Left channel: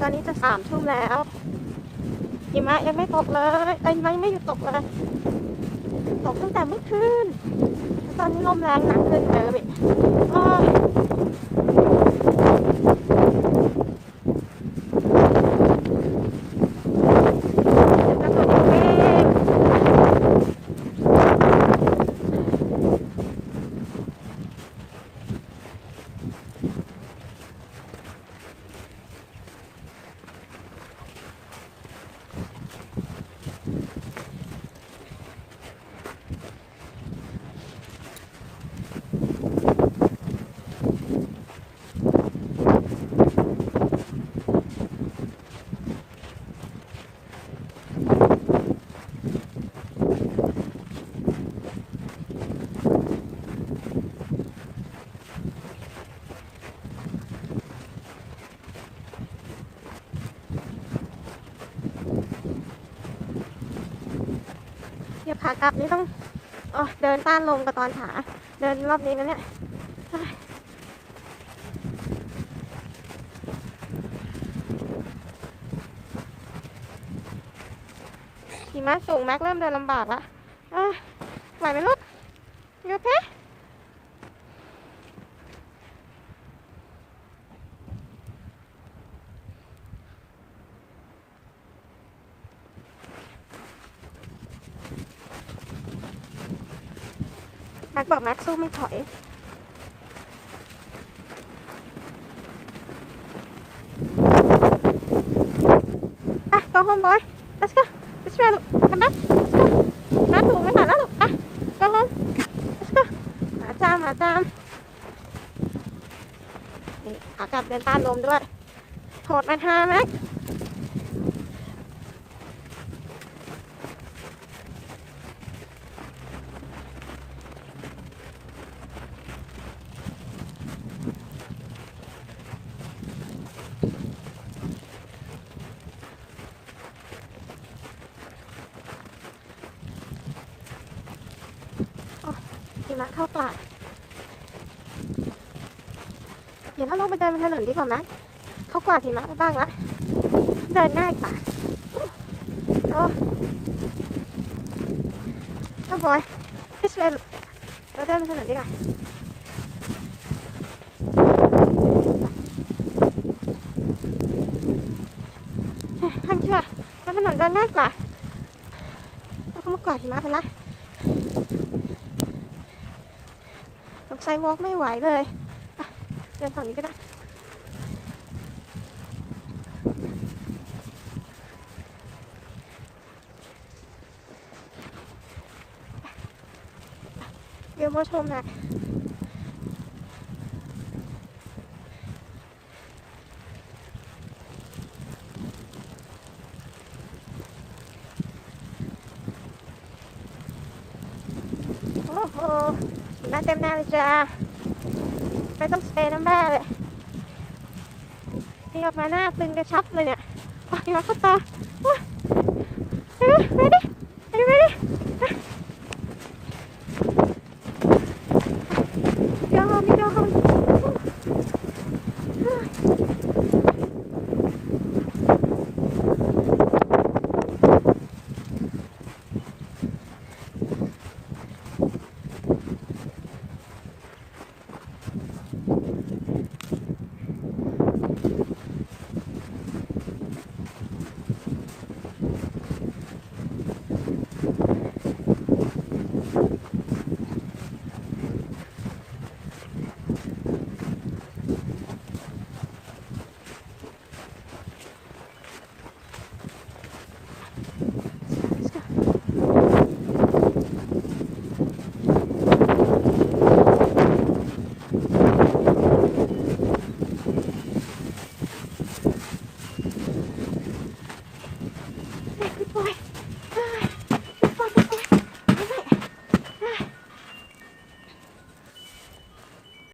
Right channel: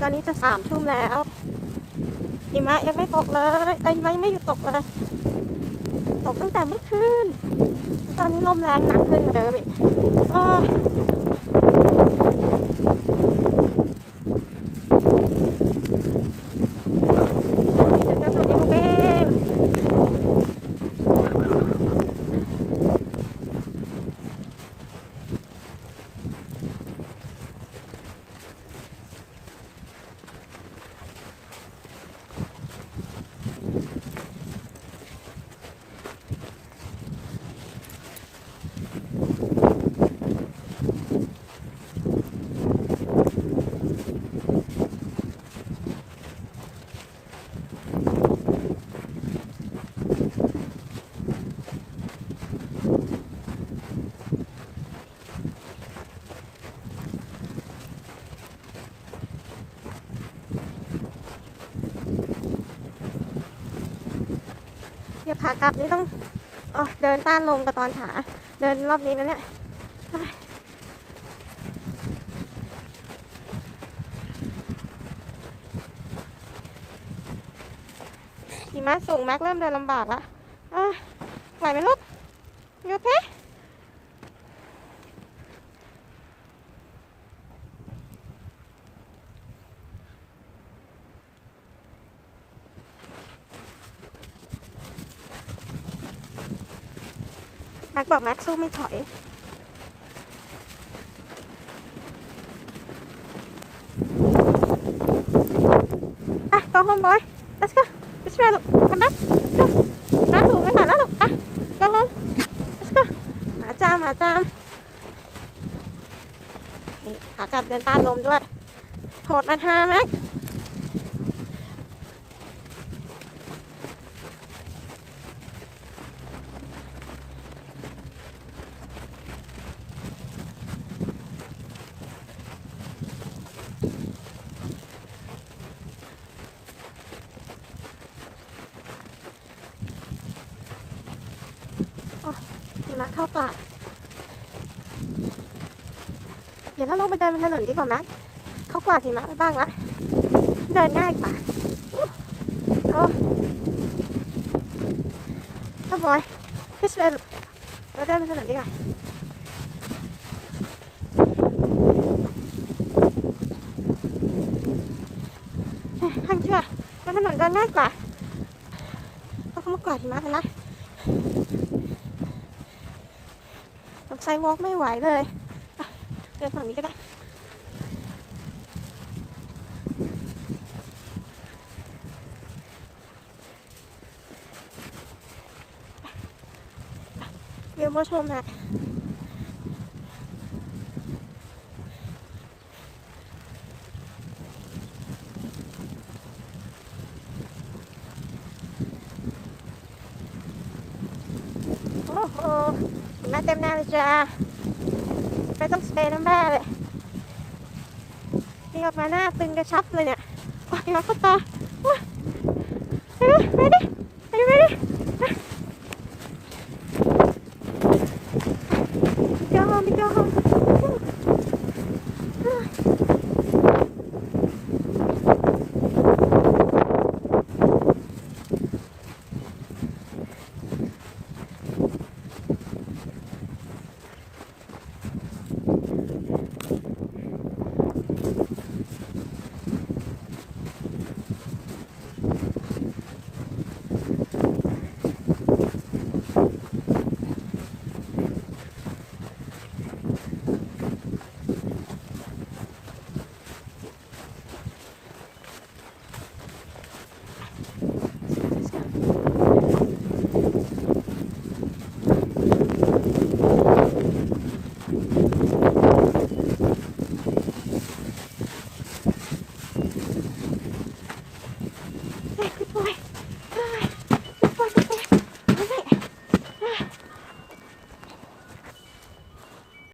ตอนนี้จะ3 ทุ่มแล้วหิมะยังไม่ตกเลยหิมะยังไม่หยุดตกเลยตกตั้งแต่เมื่อคืนตอนนี้ลมแรงหนักขึ้นเลยเดี๋ยวขากลับนี่ต้องเดินต้านลมกับตอนขาเดินรอบนี้นะเนี่ยหิมะสูงแม็กเริ่มเดินลำบากละไหวไหมลูกโอเคแม็กบอกแม็กสู้ไม่ถอยgo home boy let's go let's try ลูกกันนะน้ำถูกไม่ผ่านแล้วลูกgo home let's go หมาจามขากลับเดินต้านลมด้วยโหดมาท่าแม็กหิมะเข้าปากเดี๋ยวเราลงไปเดินบนถนนดีกว่าไหมเขากวาดหิมะไปบ้างละเดินง่ายกว่าบอยพี่สเวลเราเดินบนถนนดีกว่าทางเชื่อบนถนนเดินง่ายกว่าเราเขามากวาดหิมะไปละไซวอล์กไม่ไหวเลยเดินฝั่งนี้ก็ได้เดี๋ยวมาชมนะโอ้โหมาเต็มหน้าเลยจ้าไม่ต้องสเปรย์น้ำแร่เลยนี่ออกมาหน้าตึงกระชับเลยเนี่ยโอ้ยเราเข้าต่อไปดิ